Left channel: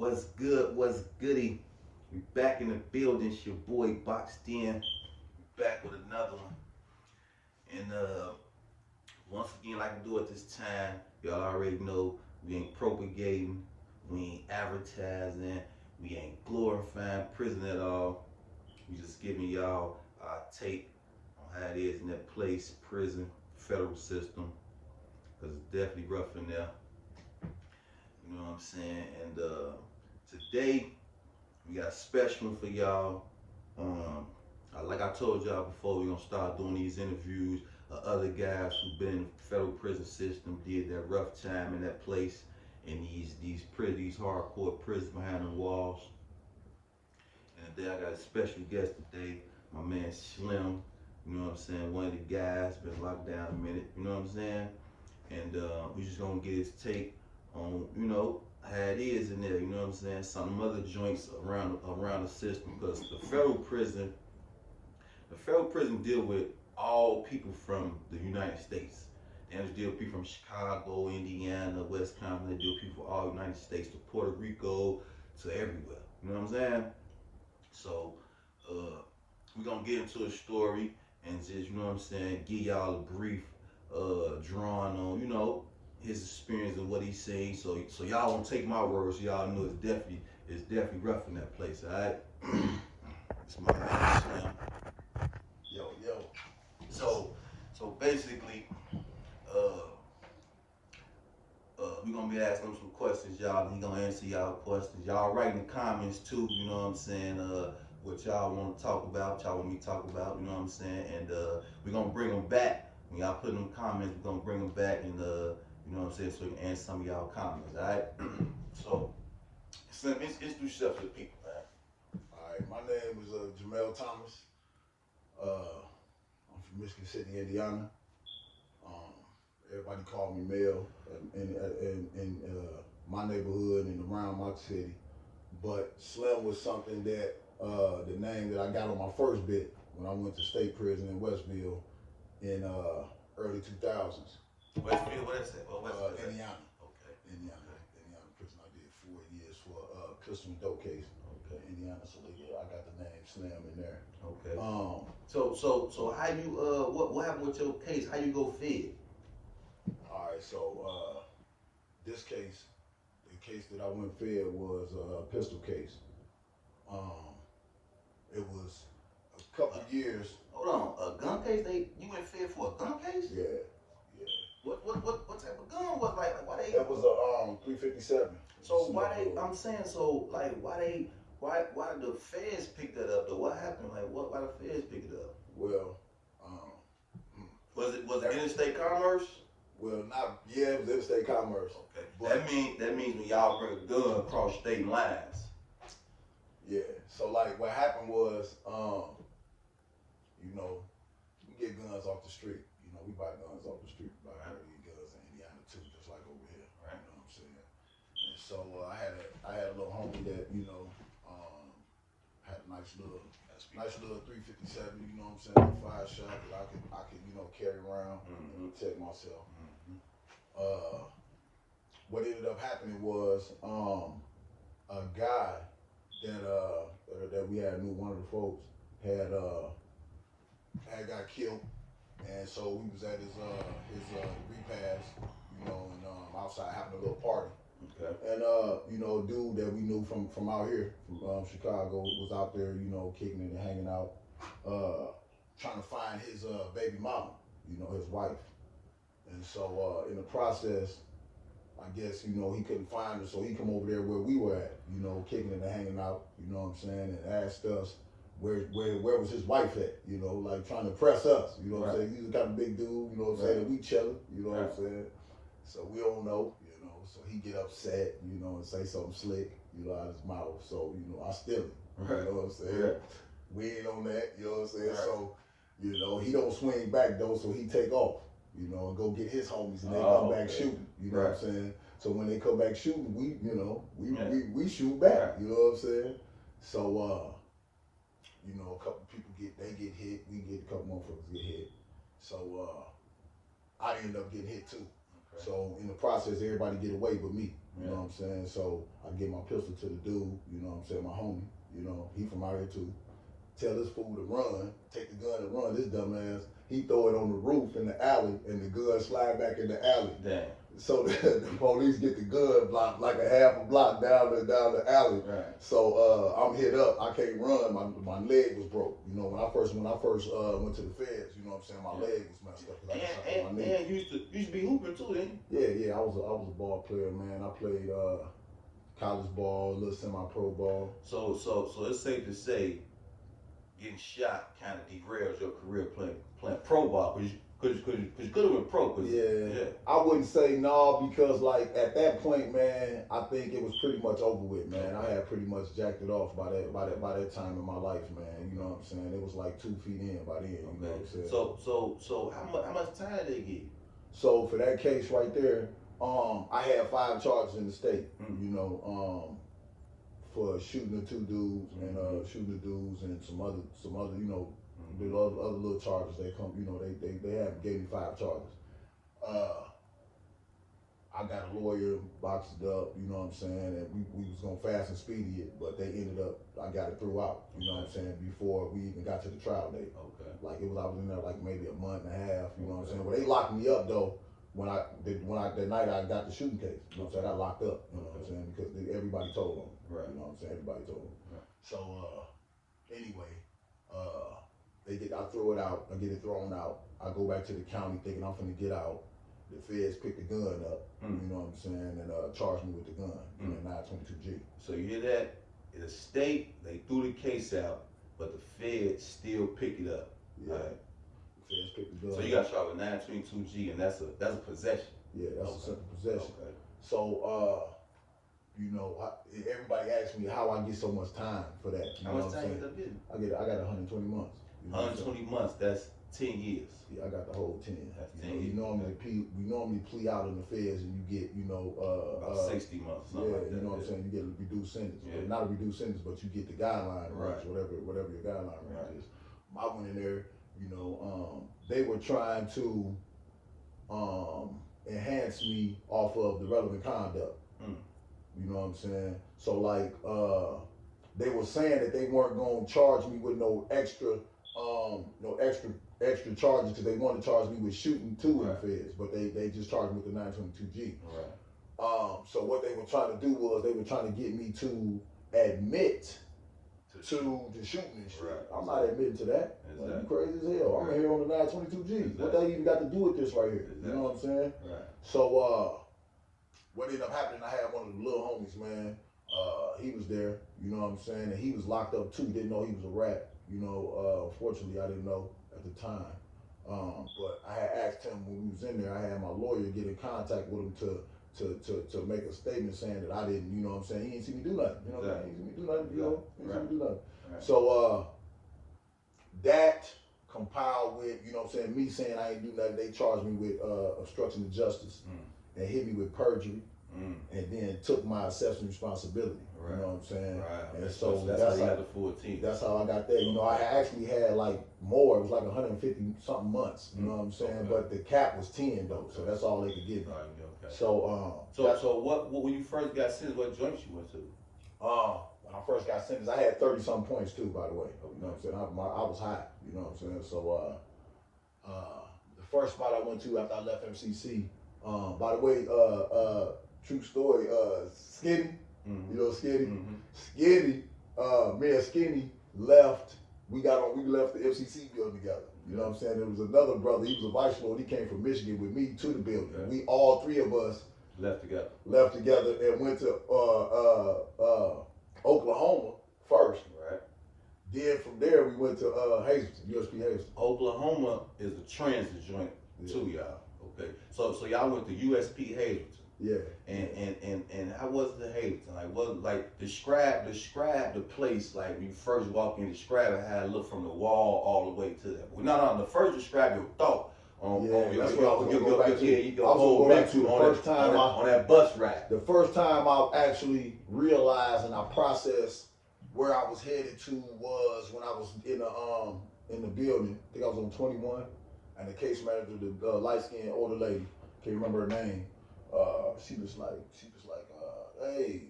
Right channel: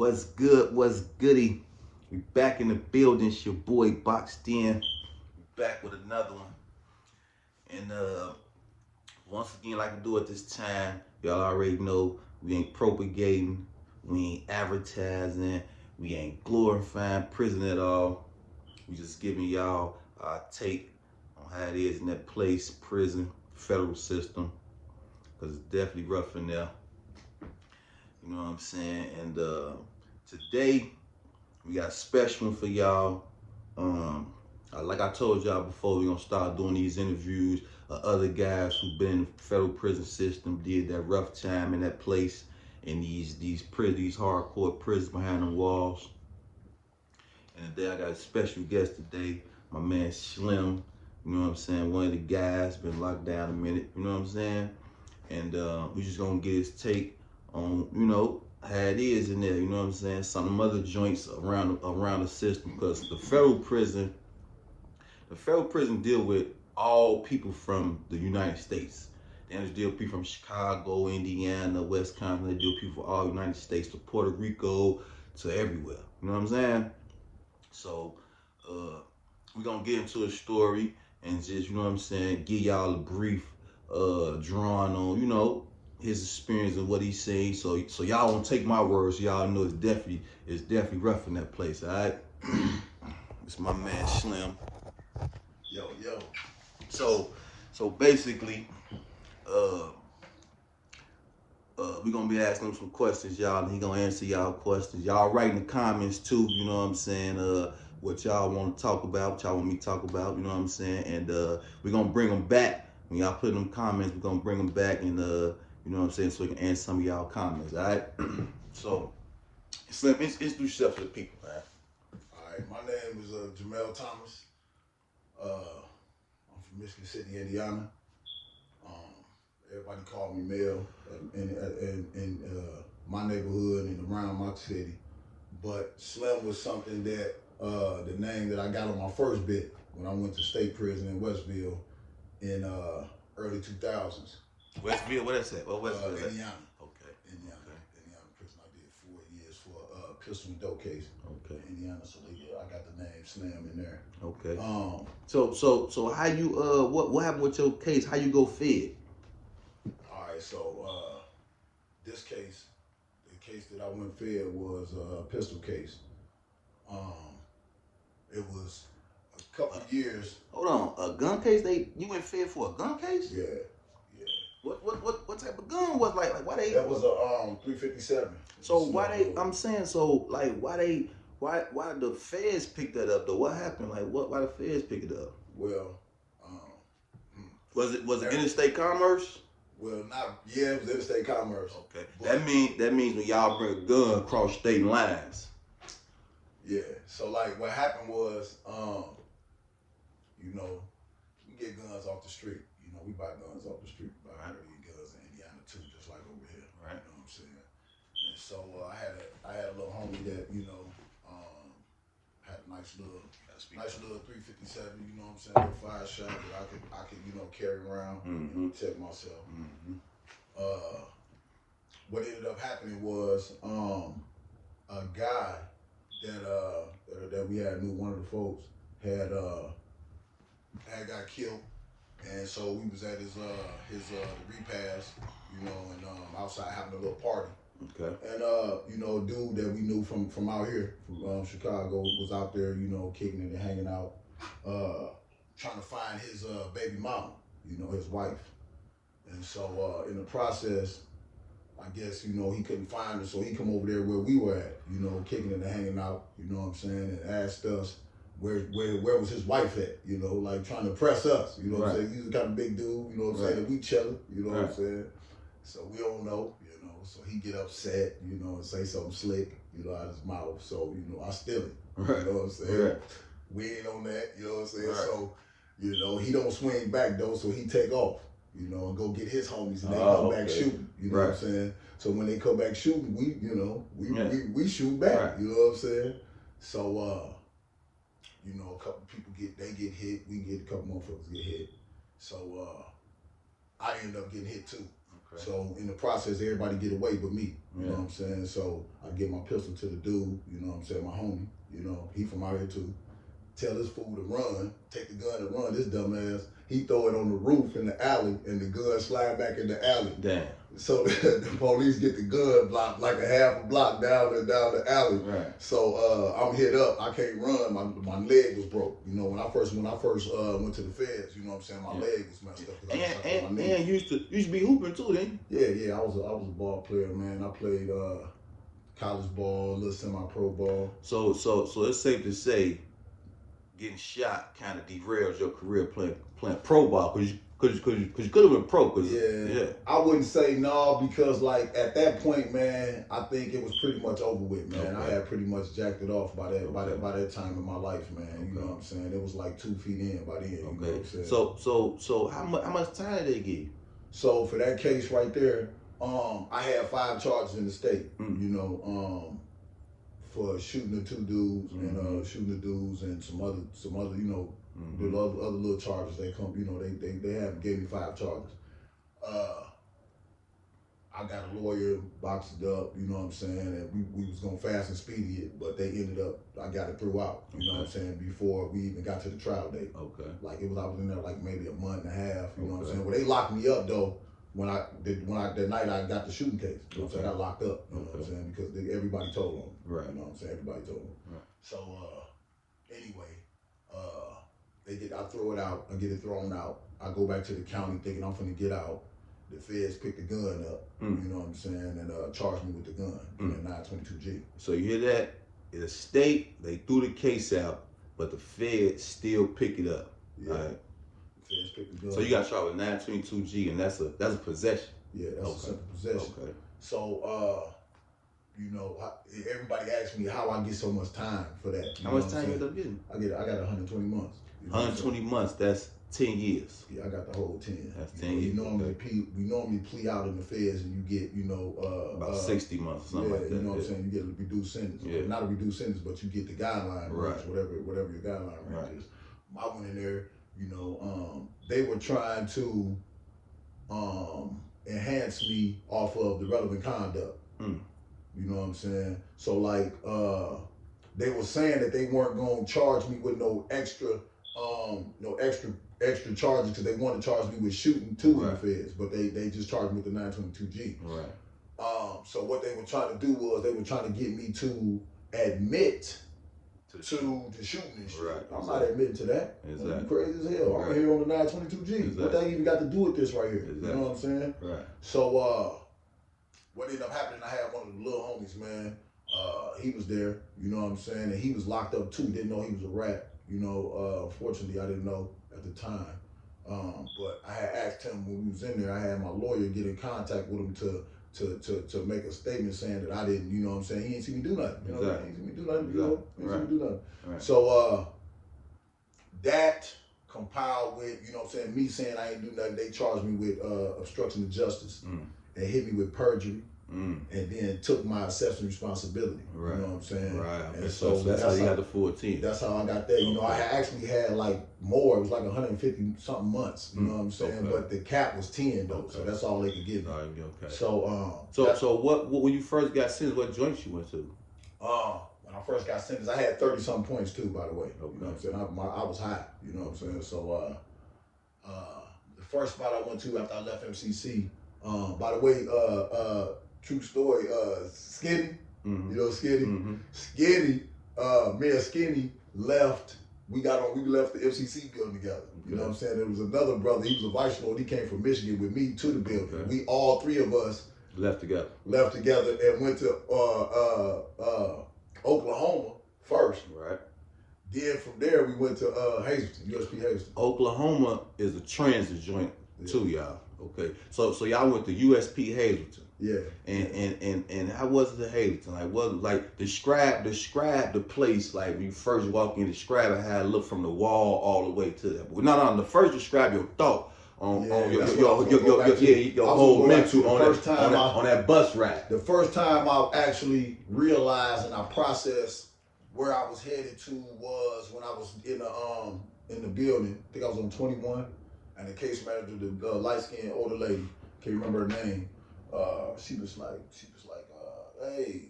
What's good? What's goody? We back in the building. It's your boy Boxed In. We back with another one. And once again, like I do at this time, y'all already know we ain't propagating, we ain't advertising, we ain't glorifying prison at all. We just giving y'all our take on how it is in that place, prison, federal system, because it's definitely rough in there. You know what I'm saying? And today we got a special one for y'all. Like I told y'all before, we're gonna start doing these interviews of other guys who've been in the federal prison system, did that rough time in that place, in these hardcore prisons behind the walls. And today I got a special guest today, my man Slim. You know what I'm saying? One of the guys been locked down a minute. You know what I'm saying? And we just gonna get his take on, you know, how it is in there, you know what I'm saying? Some other joints around the system, because the federal prison deal with all people from the United States. They just deal with people from Chicago, Indiana, Wisconsin. They deal with people from all the United States, to Puerto Rico, to everywhere. You know what I'm saying? So we're gonna get into a story and just, you know what I'm saying, give y'all a brief drawing on, you know, his experience of what he's saying. So y'all won't take my words. Y'all know it's definitely rough in that place. All right. It's my man Slim. Yo. So basically, we're gonna be asking him some questions, y'all, and he gonna answer y'all questions. Y'all write in the comments too. You know what I'm saying? What y'all want to talk about? What y'all want me to talk about? You know what I'm saying? And we're gonna bring them back. When y'all put in them comments, we're gonna bring them back and you know what I'm saying, so we can answer some of y'all comments, all right? So, Slim, introduce yourself to the people, man. All right, my name is Jamel Thomas. I'm from Michigan City, Indiana. Everybody call me Mel in my neighborhood and around my city. But Slim was something that, the name that I got on my first bit when I went to state prison in Westville in early 2000s. Westville, what is that? What Westville? Indiana. Okay. Indiana prison. I did 4 years for a pistol and dope case. Okay. In Indiana, so I got the name Slim in there. Okay. So how you what happened with your case? How you go fed? All right. So this case, the case that I went fed was a pistol case. It was a couple of years. Hold on, a gun case? You went fed for a gun case? Yeah. What type of gun was like why they? That was a 357. So why they? I'm saying, so like why the feds pick that up though? What happened? Like why the feds pick it up? Well, was it interstate commerce? Well, it was interstate commerce. Okay. That means when y'all bring a gun across state lines. Yeah. So like what happened was, you know, we get guns off the street. You know, we buy guns off the street. We buy guns in Indiana too, just like over here. Right. You know what I'm saying? And so I had a little homie that, you know, had a nice little 357. You know what I'm saying? 5 shot that I could you know, carry around, you know, protect myself. What ended up happening was a guy that we had knew, one of the folks had got killed, and so we was at his repast, you know, and outside having a little party. Okay. And you know, a dude that we knew from out here, from Chicago, was out there, you know, kicking it and hanging out, trying to find his baby mama, you know, his wife. And so in the process, I guess, you know, he couldn't find her, so he come over there where we were at, you know, kicking it and hanging out, you know what I'm saying, and asked us where was his wife at, you know, like trying to press us, you know what I'm saying. He's a kind of big dude, you know what I'm saying, and we chilling, you know what I'm saying. So we don't know, you know, so he get upset, you know, and say something slick, you know, out of his mouth. So, you know, I steal it, you know what I'm saying. We ain't on that, you know what I'm saying. So, you know, he don't swing back though, so he take off, you know, and go get his homies, and they come back shooting, you know what I'm saying. So when they come back shooting, we, you know, we shoot back, you know what I'm saying. So you know, a couple people get hit, we get a couple motherfuckers get hit. So I ended up getting hit too. Okay. So in the process, everybody get away but me. You know what I'm saying? So I give my pistol to the dude, you know what I'm saying, my homie, you know, he from out here too. Tell this fool to run, take the gun and run. This dumbass, he throw it on the roof in the alley and the gun slide back in the alley. Damn. So the police get the gun block like a half a block down the alley. Right. So I'm hit up. I can't run. My leg was broke. You know, when I first went to the feds, you know what I'm saying, my leg was messed up. And you used to be hooping too, didn't you? Yeah. I was a ball player, man. I played college ball, a little semi-pro ball. So it's safe to say, getting shot kind of derails your career playing pro ball because you could have been pro. Yeah. I wouldn't say no because like at that point, man, I think it was pretty much over with, man. Okay. I had pretty much jacked it off by that time in my life, man. You know what I'm saying? It was like 2 feet in by then. You know what I'm saying? So how much time did they give you? So for that case right there, I had 5 charges in the state. You know, for shooting the 2 dudes and shooting the dudes and some other, you know. The other little charges they come, you know, they have gave me 5 charges. I got a lawyer, boxed it up, you know what I'm saying, and we was gonna fast and speedy it, but they ended up, I got it throughout, you know what I'm saying, before we even got to the trial date. Okay. Like I was in there like maybe a month and a half, you know what I'm saying. Well, they locked me up though when that night I got the shooting case. You know what I'm saying? I got locked up, you know what I'm saying, because everybody told them. Right. You know what I'm saying? Everybody told them. Right. So anyway, I throw it out, I get it thrown out. I go back to the county thinking I'm finna get out. The feds pick the gun up, you know what I'm saying, and charge me with the gun, in 922G. So you hear that? In the state, they threw the case out, but the feds still pick it up. Yeah. Right? The feds pick the gun So you got shot with 922G, and that's a possession. Yeah, that's a simple possession. Okay. So, you know, everybody asks me how I get so much time for that. How much time you end up getting? I got 120 months. You know 120 months, that's 10 years. Yeah, I got the whole 10. That's 10 years. We normally plea out in the feds and you get, you know, about 60 months, something like that. You know what I'm saying? You get a reduced sentence. Yeah. Not a reduced sentence, but you get the guideline range, whatever your guideline range is. I went in there, you know, they were trying to enhance me off of the relevant conduct. You know what I'm saying? So like they were saying that they weren't gonna charge me with no extra charges because they want to charge me with shooting 2 in the feds, but they just charged me with the 922G. Right. So what they were trying to do was they were trying to get me to admit to the shooting and shit. Right. I'm not admitting to that. Exactly. I'm crazy as hell. Right. I'm here on the 922G. Exactly. What they even got to do with this right here? Exactly. You know what I'm saying? Right. So what ended up happening, I had one of the little homies, man. He was there, you know what I'm saying, and he was locked up too. Didn't know he was a rat. You know, unfortunately, I didn't know at the time. But I had asked him when we was in there. I had my lawyer get in contact with him to make a statement saying that I didn't. You know what I'm saying? He didn't see me do nothing. You know, he didn't see me do nothing. You know, he didn't see me do nothing. Right. So that compiled with, you know what I'm saying, me saying I ain't do nothing. They charged me with obstruction of justice and hit me with perjury. And then took my assessment responsibility. Right. You know what I'm saying? Right. And so that's how you got the full team. That's how I got that. You know, I actually had like more. It was like 150 something months. You know what I'm saying? Okay. But the cap was 10 though, so that's all they could give me. Okay. So so what when you first got sentenced, what joints you went to? When I first got sentenced, I had 30 something points too, by the way. Okay. You know what I'm saying? I was high. You know what I'm saying? So the first spot I went to after I left MCC. By the way, true story, Skinny, you know Skinny? Skinny, me and Skinny left, we left the FCC building together. You know what I'm saying? There was another brother, he was a vice lord, he came from Michigan with me to the building. Okay. We all 3 of us left together and went to Oklahoma first. Right. Then from there we went to Hazelton, USP Hazelton. Oklahoma is a transit joint too, y'all. Okay. So y'all went to USP Hazelton. Yeah. And how was it at Hazelton? Like what describe the place, like when you first walk in, describe it, how it looked from the wall all the way to that. No, the first describe your thought on your whole mental on that bus ride. The first time I actually realized and I processed where I was headed to was when I was in the building. I think I was on 21, and the case manager, the light-skinned older lady, can't remember her name. She was like, hey,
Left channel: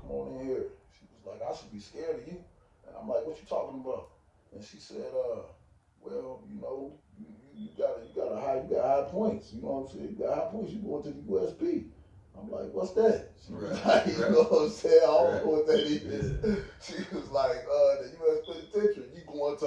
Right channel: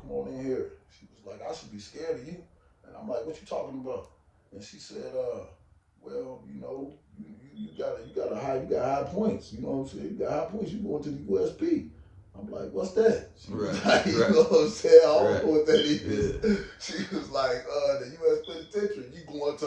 come on in here. She was like, I should be scared of you. And I'm like, what you talking about? And she said, well, you got high points. You know what I'm saying? You got high points. You going to the USP. I'm like, what's that? She was like, you know what I'm saying? I don't know what that is. Yeah. She was like, the U.S. Penitentiary. You going to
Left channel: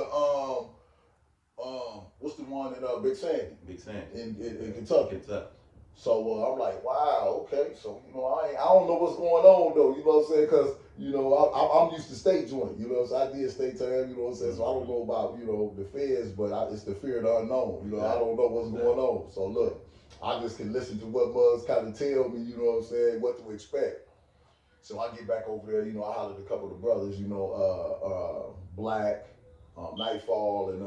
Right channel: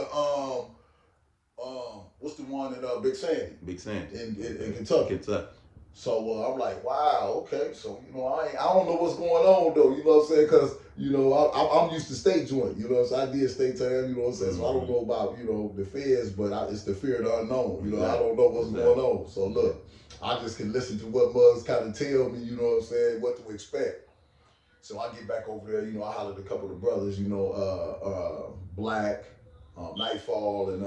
what's the one in Big Sandy? Big Sandy in Kentucky. Kentucky. So I'm like, wow, okay. So I don't know what's going on though. You know what I'm saying? Because I'm used to state joint. You know what I'm saying? I did state time. You know what I'm saying? So I don't know about the feds, but it's the fear of the unknown. I don't know what's going on. So look, I just can listen to what mugs kind of tell me. You know what I'm saying? What to expect. So I get back over there. I hollered a couple of the brothers. Black, Nightfall, and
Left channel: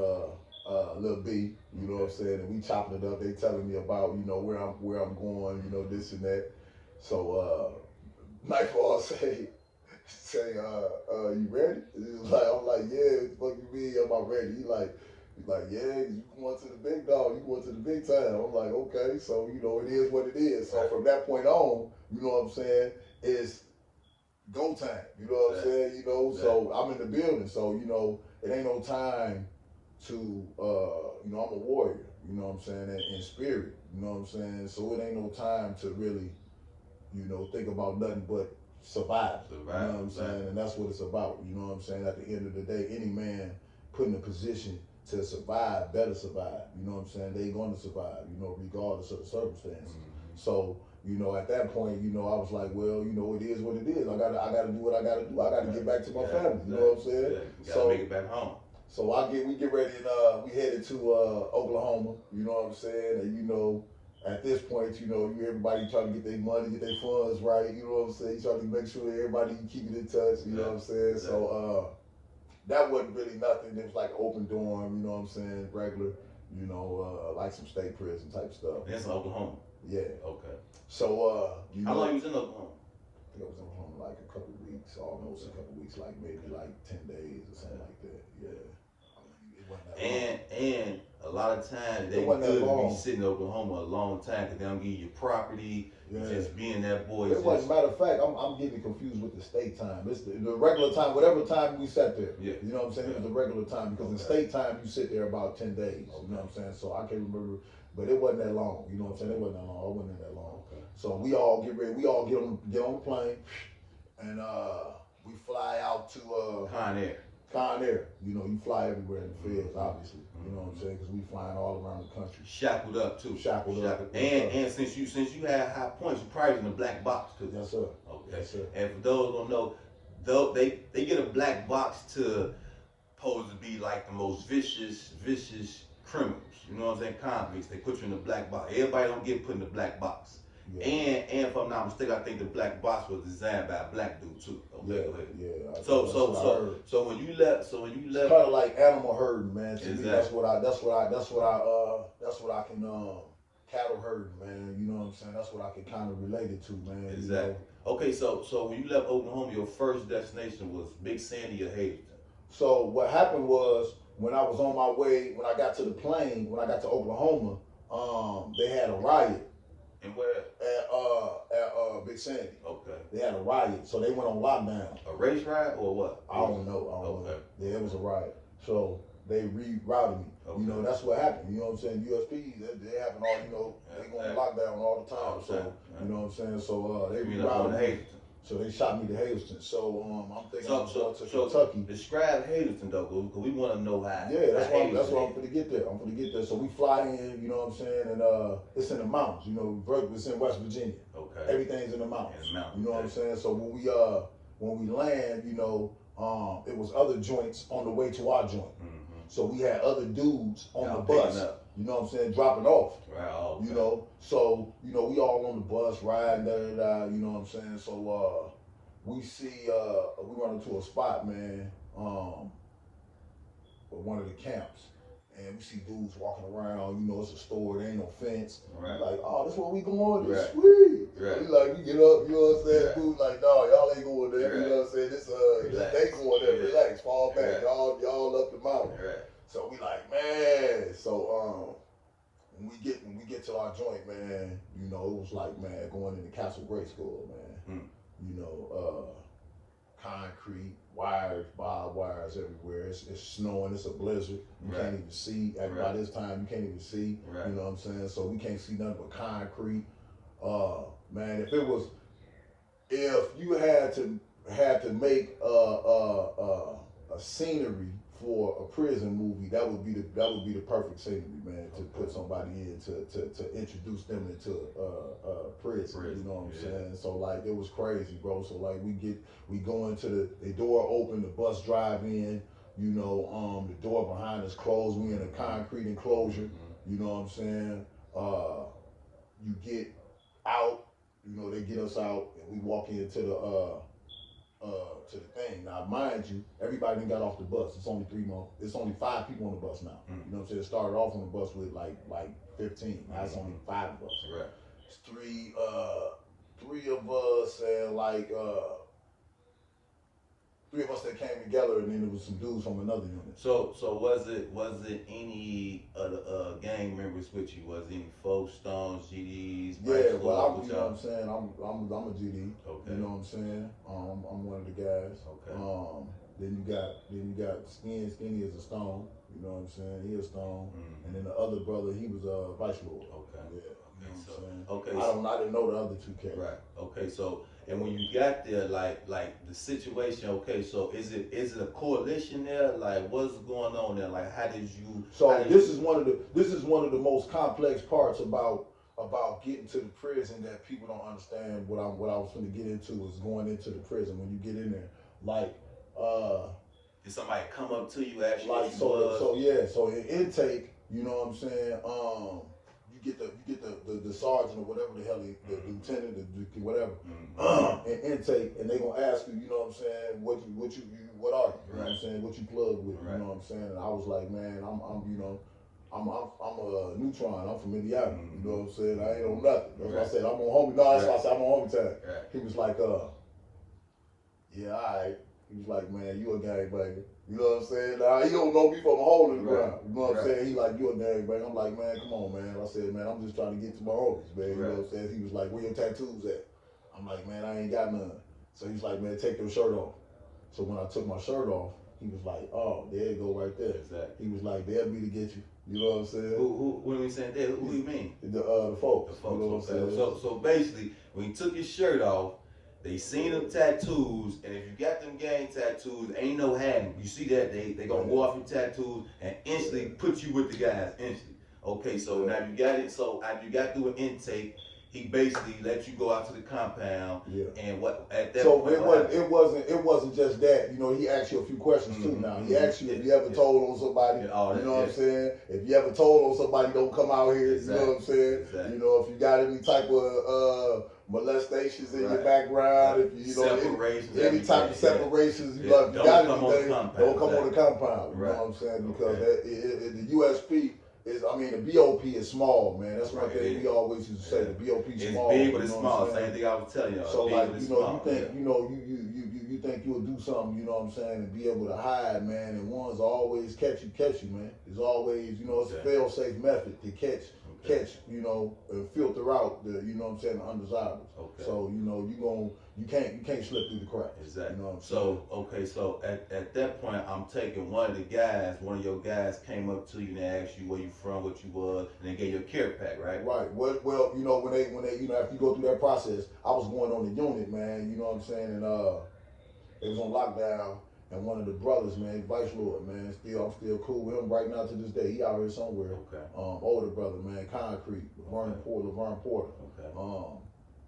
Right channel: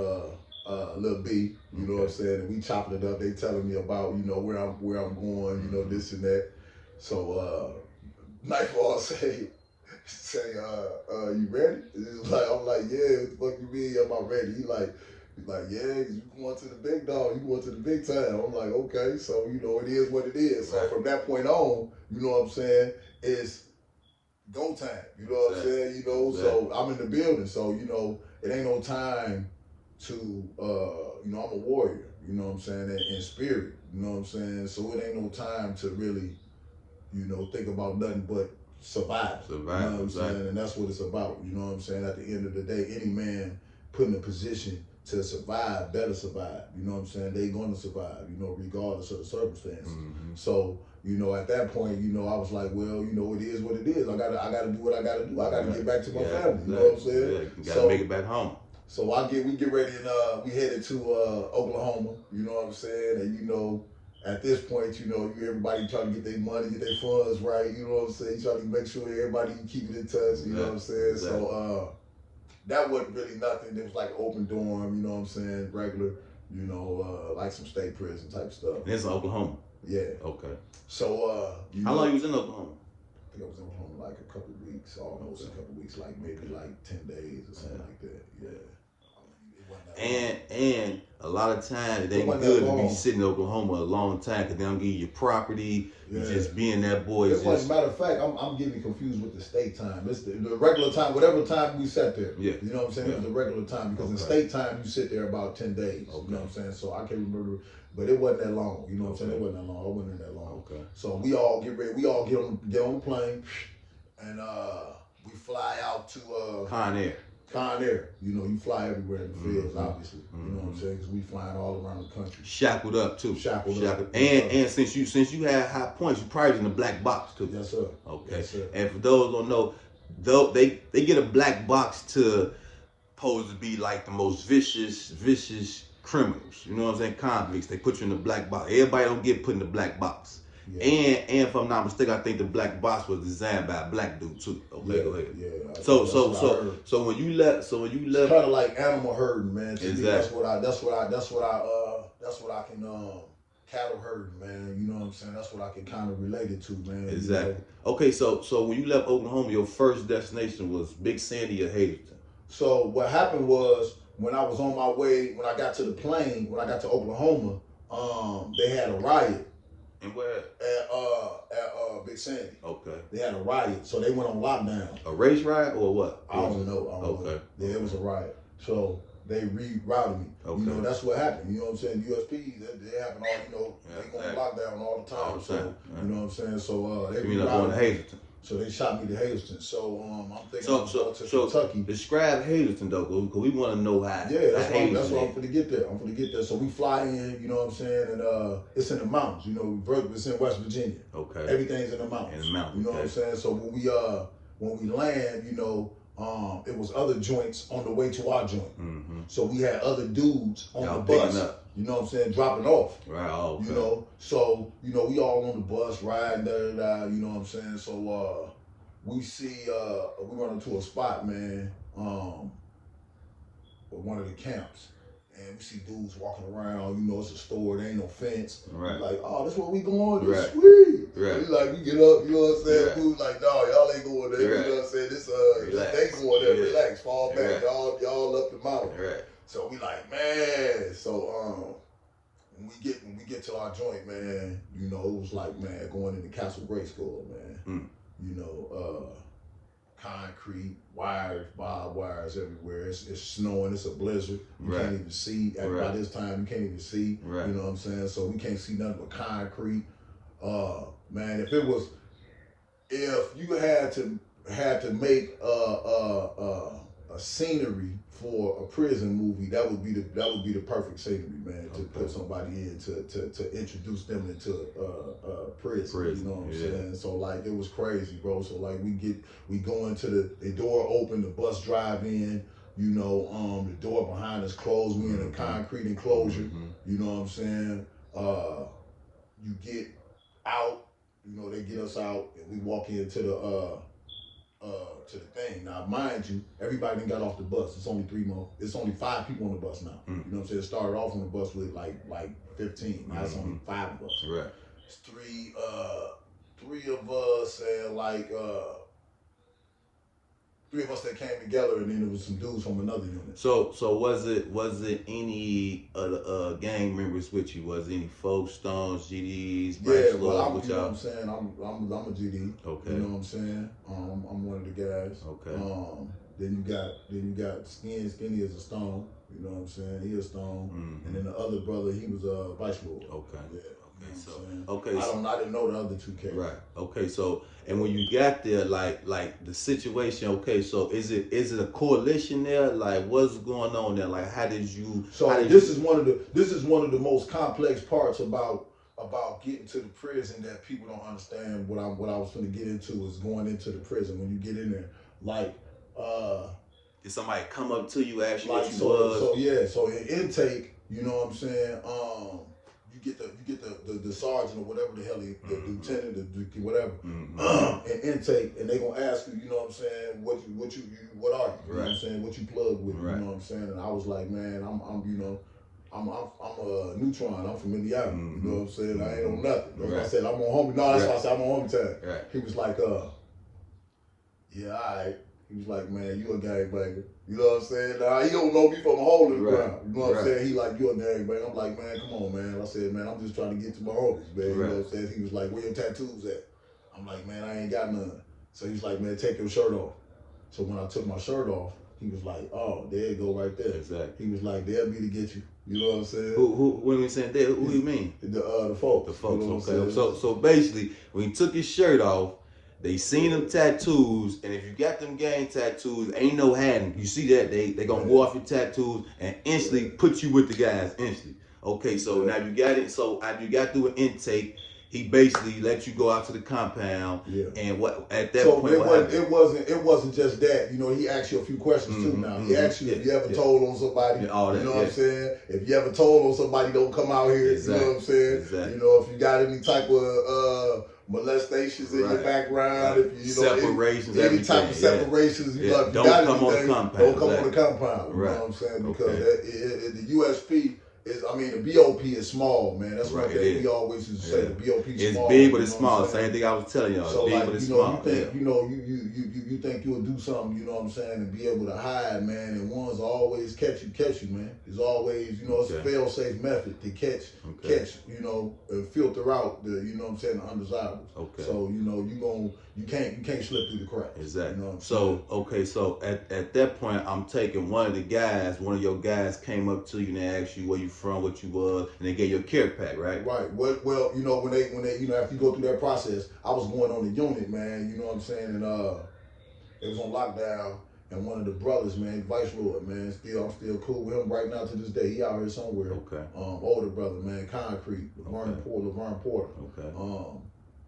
Lil B, you know what I'm saying, and we chopping it up. They telling me about where I'm going, this and that. So Nightfall say, you ready? I'm like, yeah. What the fuck you mean? I'm ready. He like, yeah, you going to the big dog, you going to the big time. I'm like, okay. So it is what it is. So from that point on, you know what I'm saying, it's go time. You know what I'm saying? So I'm in the building. So it ain't no time to I'm a warrior, you know what I'm saying, in spirit, you know what I'm saying, so it ain't no time to really think about nothing but survive, you know what I'm saying, and that's what it's about, you know what I'm saying. At the end of the day, any man put in a position to survive better survive, you know what I'm saying. They gonna survive, regardless of the circumstances. So at that point, I was like, well, it is what it is. I gotta do what I gotta do. I gotta get back to my family, you know what I'm saying. You gotta make it back home. So we get ready and we headed to Oklahoma, you know what I'm saying, and at this point, everybody trying to get their money, get their funds right, you know what I'm saying. You trying to make sure everybody keep it in touch, you know what I'm saying. Exactly. So that wasn't really nothing. It was like open dorm, you know what I'm saying, regular, like some state prison type stuff. And it's in Oklahoma. Yeah. Okay. So how long you was in Oklahoma? I think I was in Oklahoma like a couple of weeks, almost a couple of weeks, like maybe like 10 days or something like that. Yeah. And a lot of times they good to be sitting in Oklahoma a long time because they don't give you your property. You just being that boy. Matter of fact, I'm getting confused with the state time. It's the regular time, whatever time we sat there. Yeah. You know what I'm saying? It was the regular time because in state time you sit there about 10 days. You know what I'm saying? So I can't remember, but it wasn't that long. You know what I'm saying? It wasn't that long. I wasn't in that long. Okay. So we all get ready. We all get on the plane, and we fly out to Con Air. You fly everywhere in the fields, obviously. You know what I'm saying? Because we flying all around the country. Shackled up too. Shackled up. And since you had high points, you probably was in the black box too. Yes, sir. Okay. Yes, sir. And for those who don't know, they get a black box to supposed to be like the most vicious criminals. You know what I'm saying? Convicts. They put you in the black box. Everybody don't get put in the black box. Yeah. And if I'm not mistaken, I think the black box was designed by a black dude too. Okay, yeah. So when you left, it's kind of like animal herding, man. Exactly. Me, that's what I can cattle herding, man. You know what I'm saying? That's what I can kind of relate it to, man. Exactly. Okay, so when you left Oklahoma, your first destination was Big Sandy or Hazelton? So what happened was when I was on my way, when I got to the plane, when I got to Oklahoma, they had a riot. And where? At Big Sandy. Okay. They had a riot, so they went on lockdown. A race riot or what? I don't know. Yeah, it was a riot. So they rerouted me. Okay. That's what happened. You know what I'm saying? USP, they happen all, they go on lockdown all the time. So you know what I'm saying? So they rerouted me. So they shot me to Hazelton. So I'm thinking I'm going to Kentucky. Describe Hazelton though, because we want to know how. Yeah, that's why I'm going to get there. So we fly in, you know what I'm saying, and it's in the mountains. It's in West Virginia. Okay. Everything's in the mountains. You know what I'm saying? So when we land, it was other joints on the way to our joint. Mm-hmm. So we had other dudes on the bus. You know what I'm saying? Dropping off. Right. Okay. So we all on the bus riding, you know what I'm saying? So we see we run into a spot, man, one of the camps. And we see dudes walking around, it's a store, there ain't no fence. Right. Like, oh, that's where we going, this right. Sweet. Right. We get up, you know what I'm saying? Right. Food like, no, y'all ain't going there, right. you know what I'm saying? This they going there, relax, fall back, right. y'all up the mountain. Right. So we like, man, so when we get to till our joint, man, you know, it was like, man, going into Castle Grade School, man. You know, concrete, wires, barbed wires everywhere. It's snowing, it's a blizzard. You can't even see. By this time, you can't even see. You know what I'm saying? So we can't see nothing but concrete. Man, if you had to make a scenery for a prison movie, that would be the perfect scenery, man, to put somebody in to introduce them into prison. You know what I'm saying? So like it was crazy, bro. So like we go into the door open, the bus drive in. You know, the door behind us closed. We in a concrete enclosure. You know what I'm saying? You get out. You know, they get us out, and we walk into the thing. Now, mind you, everybody done got off the bus. It's only 5 people on the bus now. You know what I'm saying? It started off on the bus with like 15. Now it's only 5 of us. Right. It's three of us and like 3 of us that came together, and then there was some dudes from another unit. So was it any gang members with you? Was it any folk stones, GDs? Yeah, well, you know what I'm saying. I'm a GD. Okay. You know what I'm saying. I'm one of the guys. Okay. Then you got Skinny is a stone. You know what I'm saying. He a stone. And then the other brother, he was a vice lord. Okay. Yeah. I didn't know the other 2 cats. Right. Okay. So, and when you got there, like the situation. Okay. So is it a coalition there? Like what's going on there? Like how did you? So this is one of the most complex parts about getting to the prison that people don't understand. What I was going to get into is going into the prison. When you get in there, like did somebody come up to you, ask you like what you was? So in intake, you know what I'm saying. You get the sergeant or whatever the hell the lieutenant, the whatever, in intake, and they gonna ask you, you know what I'm saying, what are you, you know what I'm saying, what you plug with, you know what I'm saying, and I was like, man, I'm a neutron, I'm from Indiana, you know what I'm saying, I ain't on nothing. That's why I said I'm on homie. No, that's why I said I'm on homie time. He was like, yeah, all right. He was like, man, you a gangbanger. You know what I'm saying? Nah, he don't know me from a hole in the ground. You know what I'm saying? He like, you a gangbanger. I'm like, man, come on, man. I said, man, I'm just trying to get to my homies, man. You know what I'm saying? He was like, where your tattoos at? I'm like, man, I ain't got none. So he's like, man, take your shirt off. So when I took my shirt off, he was like, oh, there you go right there. Exactly. He was like, they'll be to get you. You know what I'm saying? When we saying that, who do you mean? The folks. The folks, you know okay. So basically, when he took his shirt off, they seen them tattoos, and if you got them gang tattoos, ain't no hiding. You see that, they gonna go off your tattoos and instantly put you with the guys instantly. Okay, so now you got it. So after you got through an intake, he basically let you go out to the compound. And what at that point? So it wasn't just that. You know, he asked you a few questions too. Now he asked you if you ever told on somebody. You know what I'm saying? If you ever told on somebody, don't come out here. You know what I'm saying? You know, if you got any type of molestations in your background, if you know any type of separations, you know, if you got anything, don't come on the compound. You know what I'm saying? Because the USP is, I mean, the BOP is small, man. That's one thing we always used to say. The BOP is small. It's big, but it's small. Same thing I was telling y'all. So like, you know, you think you'll do something, you know what I'm saying, and be able to hide, man. And ones always catch you, man. It's always, you know, it's a fail-safe method to catch, you know, filter out the, you know what I'm saying, the undesirables. So you know, you can't slip through the cracks. Exactly. You know what I'm saying? So at that point, I'm taking one of your guys came up to you and asked you where you from, what you was, and they gave you a care pack, right? Right. Well, you know, when they, you know, after you go through that process, I was going on the unit, man. You know what I'm saying, and it was on lockdown, and one of the brothers, man, Vice Lord, man, I'm still cool with him right now to this day. He out here somewhere. Older brother, man, Concrete, Laverne Porter.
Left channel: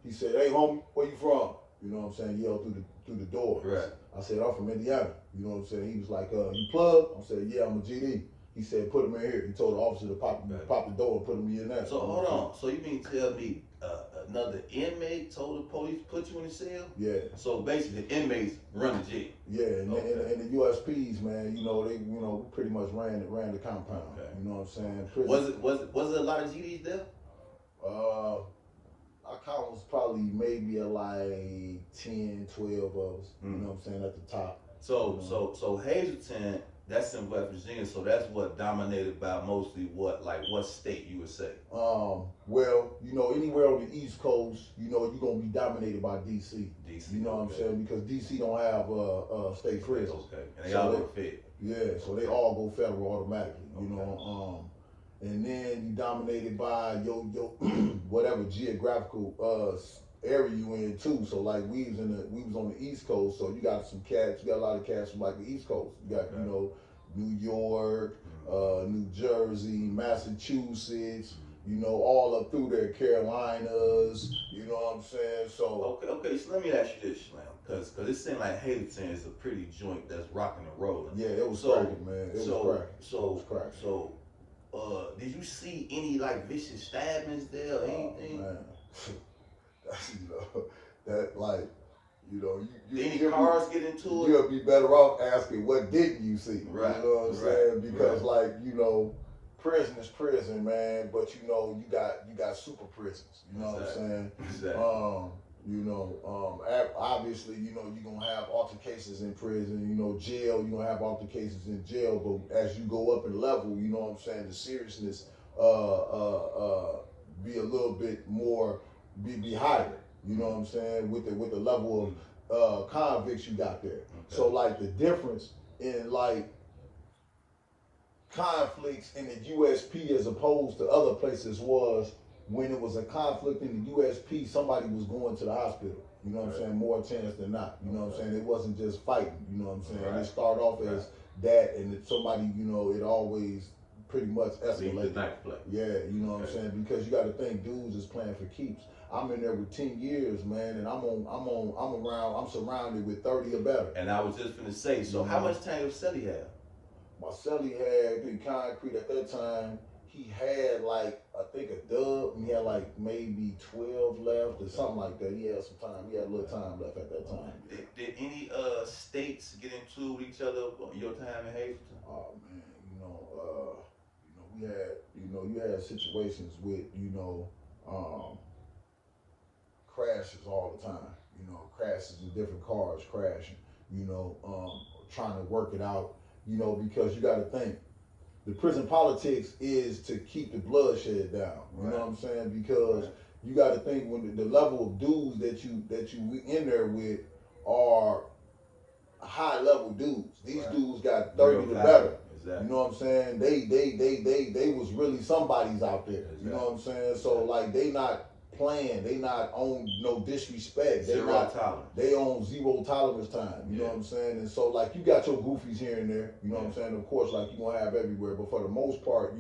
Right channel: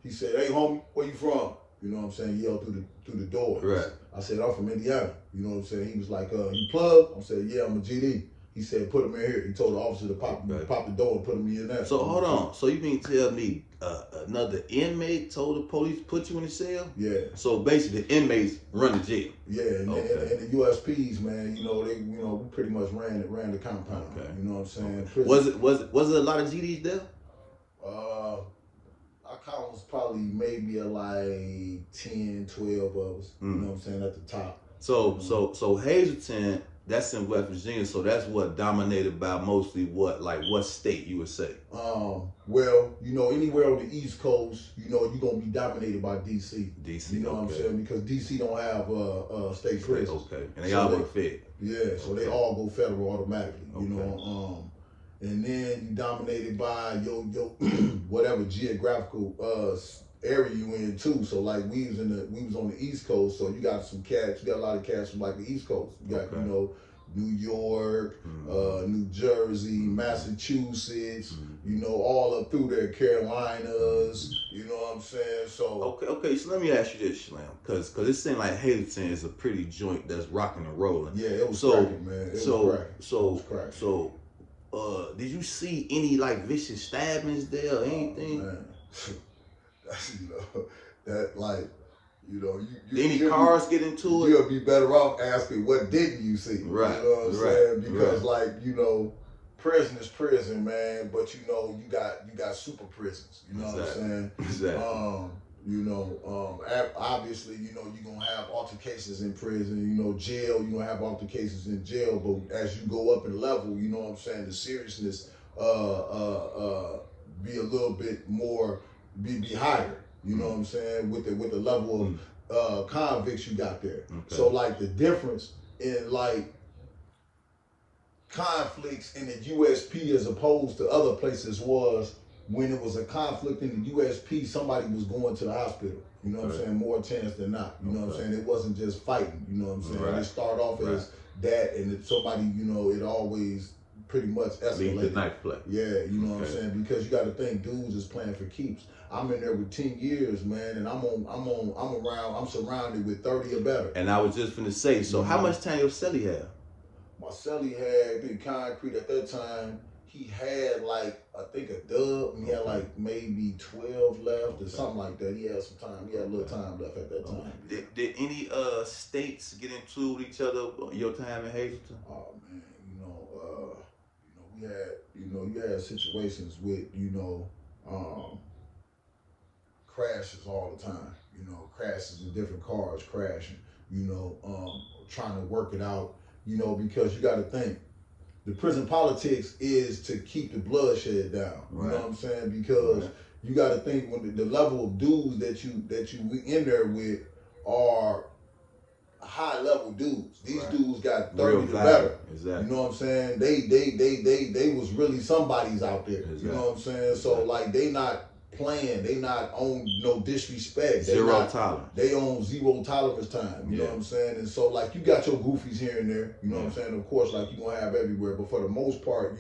He said, hey, homie, where you from? You know what I'm saying? Yelled through the door. I said, I'm from Indiana. You know what I'm saying? He was like, you plug? I said, yeah, I'm a GD. He said, put him in here. He told the officer to pop the door and put him in there. So hold on. So you mean tell me another inmate told the police put you in the cell? Yeah. So basically the inmates run the jail. Yeah, and the USPs, man, you know, we pretty much ran the compound. You know what I'm saying? Was it a lot of GDs there? Our count was probably maybe like 10, 12 of us. You know what I'm saying, at the top. So Hazelton That's in West Virginia, so that's what dominated by mostly what, like what state you would say? Well, anywhere on the East Coast, you're gonna be dominated by DC. DC, You know what I'm okay. saying? Because DC don't have state prisons. Okay, and they So all go fed. Yeah, so they all go federal automatically. Okay. And then you dominated by your whatever geographical area you in too. So like we was on the East Coast, so you got a lot of cats from like the East Coast. You got New York, New Jersey, Massachusetts, all up through there, Carolinas. You know what I'm saying? So okay. So let me ask you this, Slim, because it seemed like Hazelton is a pretty joint that's rocking and rolling. Yeah, it was cracking, man. It was cracking. So, did you see any like vicious stabbings there or anything? Man. That like. Any cars get into it? You'll be better off asking what didn't you see? Right. You know what I'm saying? Because right. Prison is prison, man. But you got super prisons. You know what I'm saying? Exactly. Obviously, you're gonna have altercations in prison. Jail, you're gonna have altercations in jail. But as you go up in level, you know what I'm saying, the seriousness be a little bit more, be higher. You know what I'm saying? With the level of convicts you got there. Okay. So like the difference in like conflicts in the USP as opposed to other places was when it was a conflict in the USP, somebody was going to the hospital. You know what I'm saying? More chance than not. You know what I'm saying? It wasn't just fighting. You know what I'm saying? Right. It started off as that, and somebody, it always pretty much escalated. Yeah, you know what I'm saying? Because you got to think, dudes is playing for keeps. I'm in there with 10 years, man, and I'm surrounded with 30 or better. And I was just gonna say, so how much time your celly have? My celly had been concrete at that time. He had like, I think a dub, and he had like maybe 12 left or something like that. He had some time. He had a little time left at that time. Did any states get into with each other your time in Hazelton? Oh man, we had, you had situations with, crashes all the time. Crashes in different cars crashing. Trying to work it out. Because you got to think, the prison politics is to keep the bloodshed down. You know what I'm saying? Because you got to think when the level of dudes that you in there with are high level dudes. These dudes got 30 or better. Exactly. You know what I'm saying? They was really somebody's out there. Exactly. You know what I'm saying? So like they not playing, they not on no disrespect. Zero tolerance. They on zero tolerance time. You know what I'm saying? And so like you got your goofies here and there. You know what I'm saying? Of course, like you gonna have everywhere, but for the most part,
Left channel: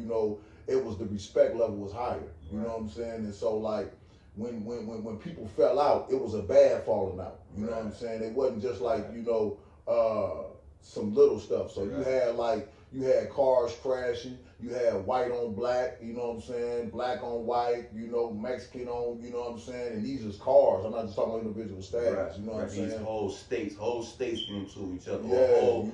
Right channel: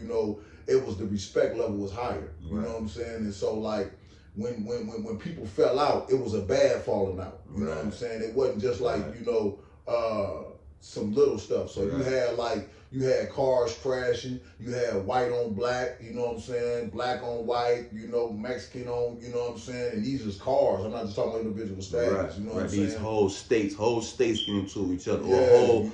it was the respect level was higher. You know what I'm saying? And so like when people fell out, it was a bad falling out. You know what I'm saying? It wasn't just like some little stuff. So you had cars crashing, you had white on black, you know what I'm saying, black on white, Mexican on, you know what I'm saying, and these is cars. I'm not just talking about individual status, you know what I'm saying. These whole states getting into each other,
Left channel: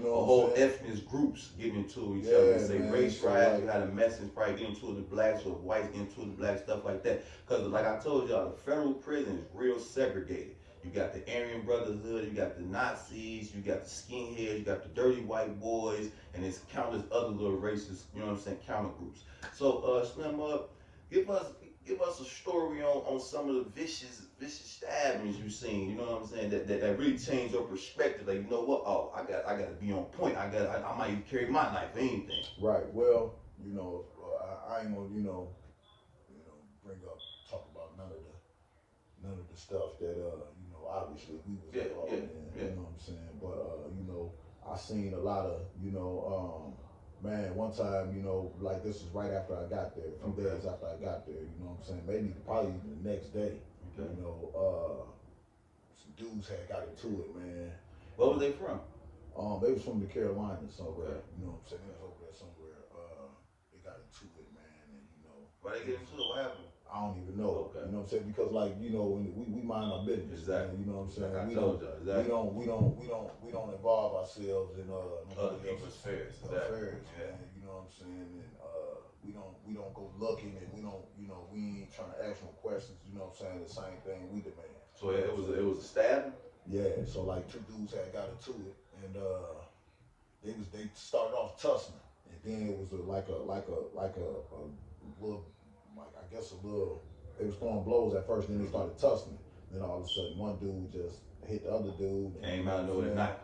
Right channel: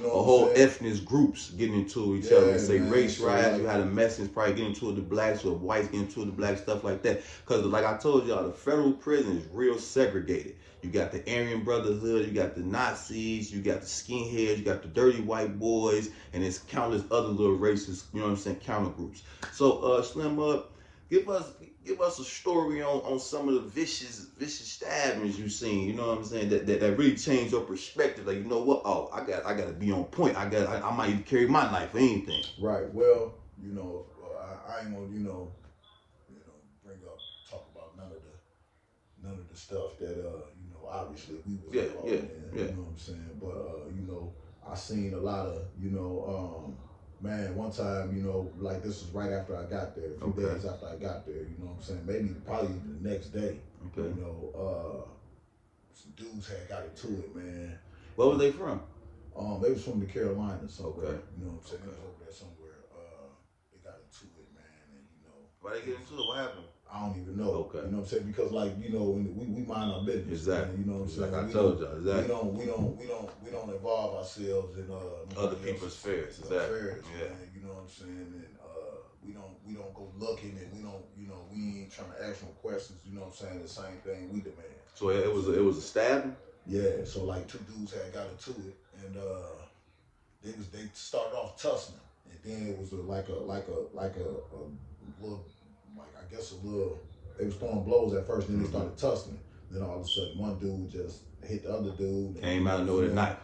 whole ethnic groups getting into each other. Say race riots, you had a Mexicans probably getting into the blacks, or whites getting into the blacks, stuff like that. Because like I told y'all, the federal prison is real segregated. You got the Aryan Brotherhood, you got the Nazis, you got the skinheads, you got the dirty white boys, and it's countless other little races, you know what I'm saying, counter groups. So Slim, give us a story on some of the vicious stabbings you've seen, you know what I'm saying, that really changed your perspective. Like, you know what, I gotta be on point. I might even carry my knife or anything. Right. Well, I ain't gonna, talk about none of the stuff that obviously we was involved in, you know what I'm saying? But I seen a lot of, man, one time, like this is right after I got there, a few days after I got there, you know what I'm saying? Maybe probably even the next day, some dudes had got into it, man. Where were they from? They was from the Carolinas somewhere, you know what I'm saying? They was over there somewhere. They got into it, man, and why they get into it? What happened? I don't even know. You know what I'm saying? Because like, we mind our business. Exactly. You know what I'm saying? Like I told y'all, exactly. We don't involve ourselves in other people's affairs. Affairs, man. You know what I'm saying? And we don't go looking, and we ain't trying to ask no questions. You know what I'm saying? The same thing we demand. So it was a stabbing? Yeah. So like two dudes had got into it, and they it started off tussling, and then it was a little, like I guess a little. They was throwing blows at first, then they started tussling. Then all of a sudden, one dude just hit the other dude. Came out of nowhere with a knife.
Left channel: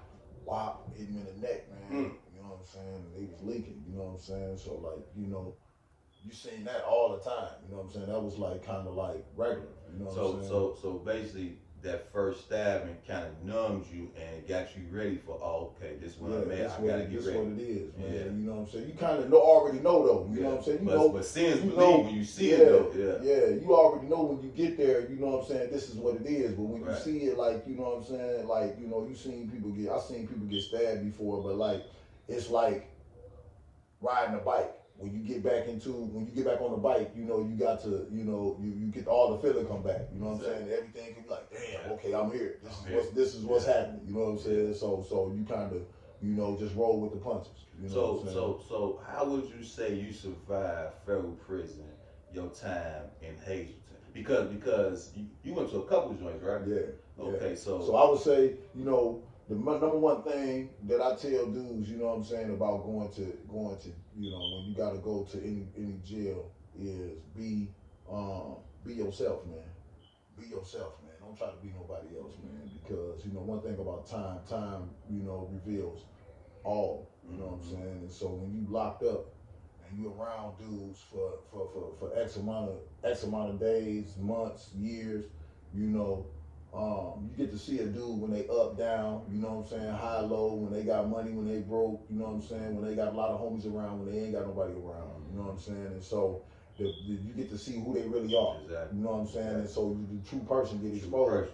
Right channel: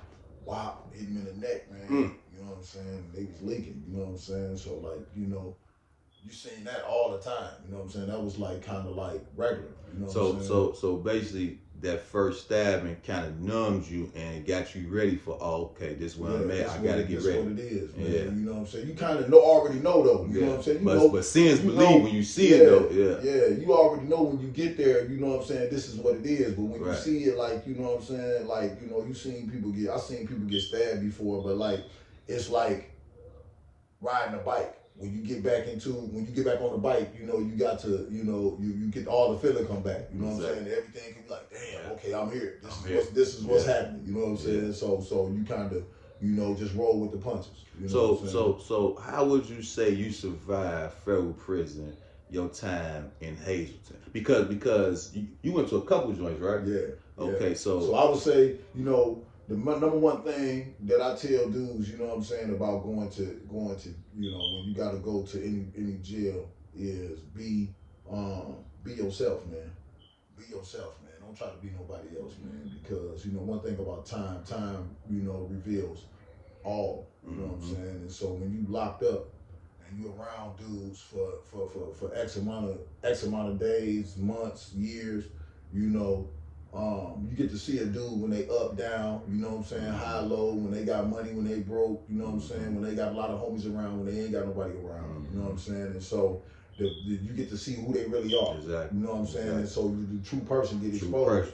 Wow, hit him in the neck, man. You know what I'm saying? They was leaking. You know what I'm saying? So like, you seen that all the time. You know what I'm saying? That was like kind of like regular. You know what I'm saying? So basically, that first stabbing kind of numbed you and got you ready for, oh, okay, this is where I'm at. I gotta get ready. That's what it is, man. Yeah. You know what I'm saying? You kind of already know though. You know what I'm saying? But seeing's believe when you see it though. Yeah, you already know when you get there. You know what I'm saying? This is what it is. But when you see it, like, you know what I'm saying? Like, you seen people get. I've seen people get stabbed before, but like, it's like riding a bike. When you get back on the bike, you got to, you get all the feeling come back. You know what I'm saying? Everything can be like, damn, okay, I'm here. This is what's happening. You know what I'm saying? So you kind of, just roll with the punches. You know so how would you say you survived federal prison your time in Hazelton? Because you went to a couple joints, right? Yeah. Okay, so I would say, the number one thing that I tell dudes, you know what I'm saying, about going to, when you got to go to any jail is be yourself, man. Be yourself, man. Don't try to be nobody else, man. Because, one thing about time, reveals all, you know what I'm saying? And so when you locked up and you around dudes for X amount of days, months, years, you get to see a dude when they up, down, you know what I'm saying, high, low, when they got money, when they broke, you know what I'm saying, when they got a lot of homies around, when they ain't got nobody around, you know what I'm saying, and so you get to see who they really are, you know what I'm saying, and so the true person get exposed.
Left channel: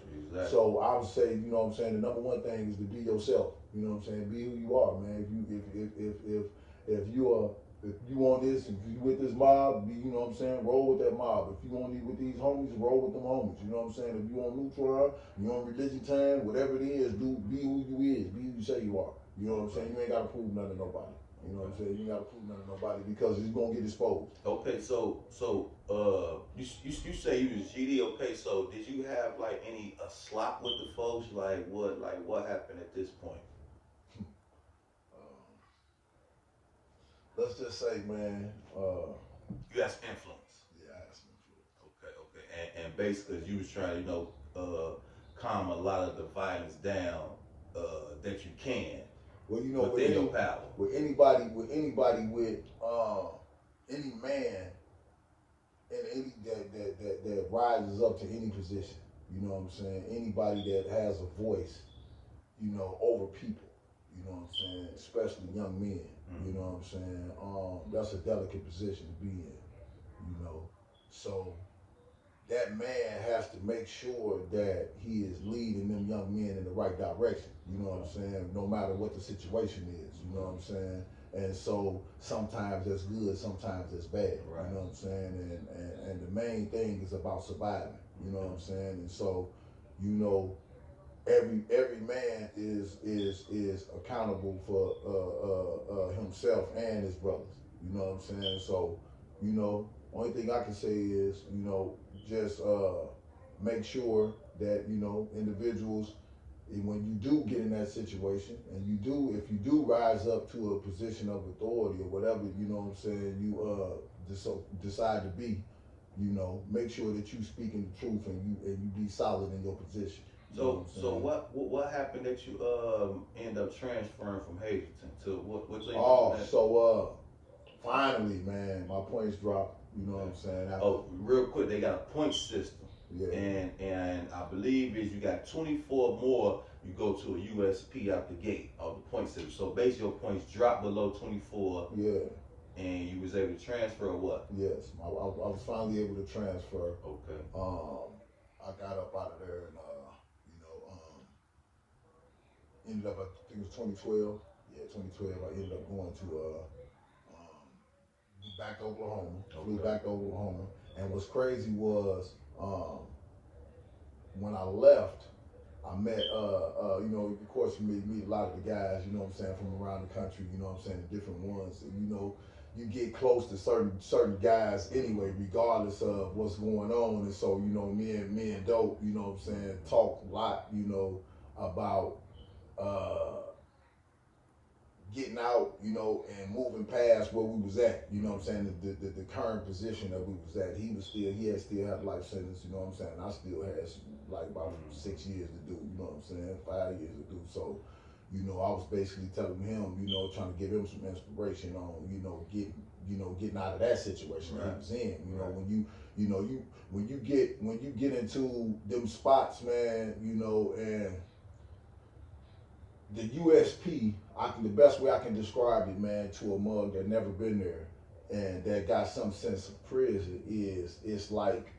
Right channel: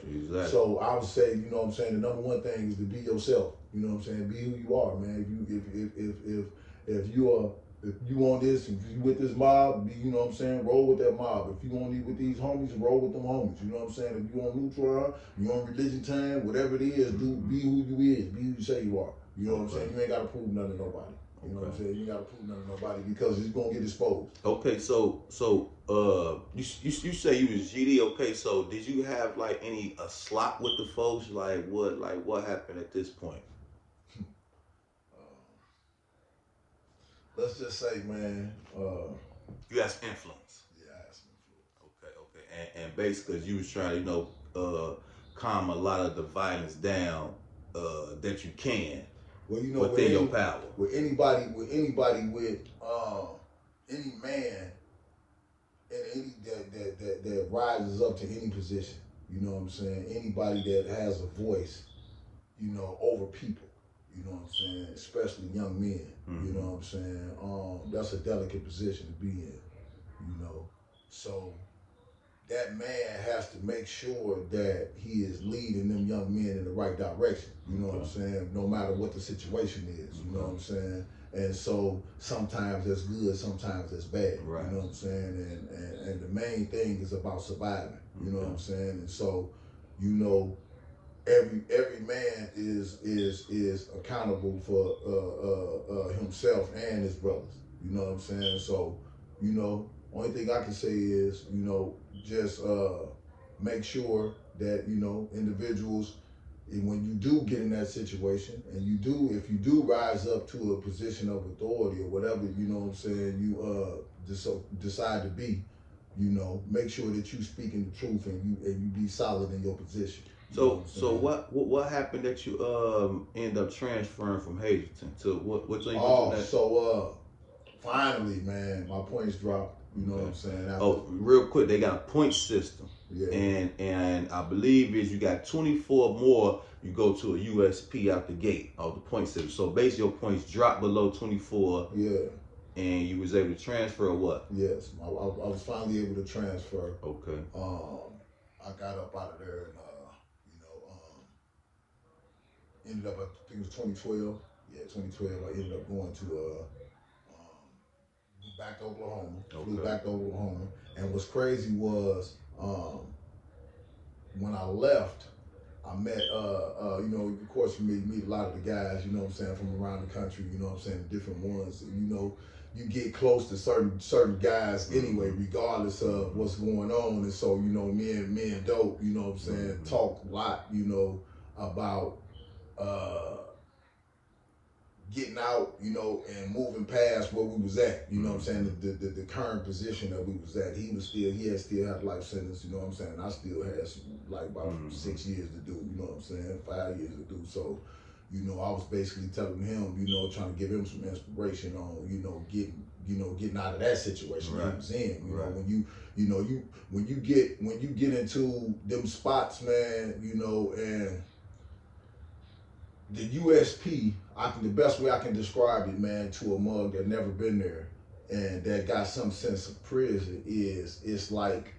So I would say, you know what I'm saying, the number one thing is to be yourself, you know what I'm saying, be who you are, man. If you want this, if you with this mob, you know what I'm saying, roll with that mob. If you want to be with these homies, roll with them homies. You know what I'm saying? If you on neutral, you on religion time, whatever it is, be who you is. Be who you say you are. You know what I'm saying? You ain't got to prove nothing to nobody. You know what I'm saying? You ain't got to prove nothing to nobody because it's going to get exposed. Okay, so you say you was GD. Okay, so did you have like any slop with the folks? Like what happened at this point? Let's just say, man. You had some influence. Yeah, I had some influence. Okay. And basically, you was trying to, calm a lot of the violence down that you can. Well, within your power. With anybody, with any man, and any that rises up to any position. You know what I'm saying? Anybody that has a voice, over people. You know what I'm saying? Especially young men. You know what I'm saying? That's a delicate position to be in. So that man has to make sure that he is leading them young men in the right direction. You know what I'm saying? No matter what the situation is. You know what I'm saying? And so sometimes that's good, sometimes that's bad. Right. You know what I'm saying? And the main thing is about surviving. You know what I'm saying? And so, every man is accountable for himself and his brothers. You know what I'm saying? So, only thing I can say is, just make sure that, individuals, when you do get in that situation, and if you do rise up to a position of authority or whatever, you know what I'm saying, you decide to be, make sure that you speaking the truth and you be solid in your position. So what happened that you end up transferring from Hazelton to what team? Finally, man, my points dropped. You know what I'm saying? Real quick, they got a point system. Yeah. And I believe is you got 24 more, you go to a USP out the gate of the point system. So basically your points dropped below 24. Yeah. And you was able to transfer or what? Yes, I was finally able to transfer. Okay. I got up out of there and ended up, I think it was 2012. Yeah, 2012. I ended up going to back to Oklahoma. Flew back to Oklahoma. And what's crazy was when I left, I met of course you meet a lot of the guys, you know what I'm saying, from around the country, you know what I'm saying, the different ones. And, you get close to certain guys anyway, regardless of what's going on. And so, me and Dope, you know what I'm saying, talk a lot, about getting out, you know, and moving past where we was at, you know what I'm saying, the current position that we was at. He had life sentence, you know what I'm saying. I still had like about 6 years to do, you know what I'm saying, 5 years to do. So, you know, I was basically telling him, you know, trying to give him some inspiration on, getting out of that situation he was in. You know, when you get into them spots, man, you know, and the USP, the best way I can describe it, man, to a mug that never been there and that got some sense of prison is it's like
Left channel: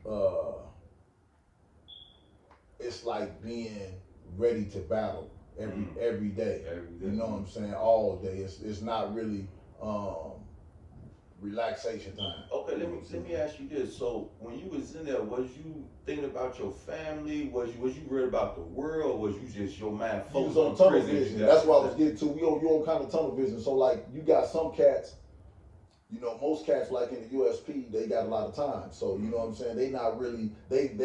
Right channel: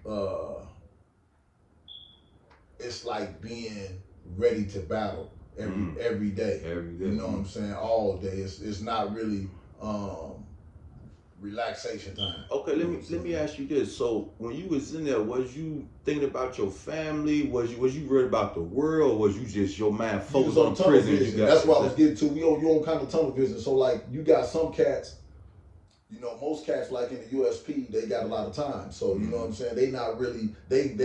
being ready to battle every day. You know what I'm saying? All day. It's not really relaxation time. Okay, let me ask you this. So when you was in there, was you thinking about your family? Was you worried about the world? Or was you just your mind focused on tunnel prison? vision? That's what I was getting to. You on kind of tunnel vision. So like you got some cats, you know, most cats like in the USP, they got a lot of time. So you know what I'm saying? They not really they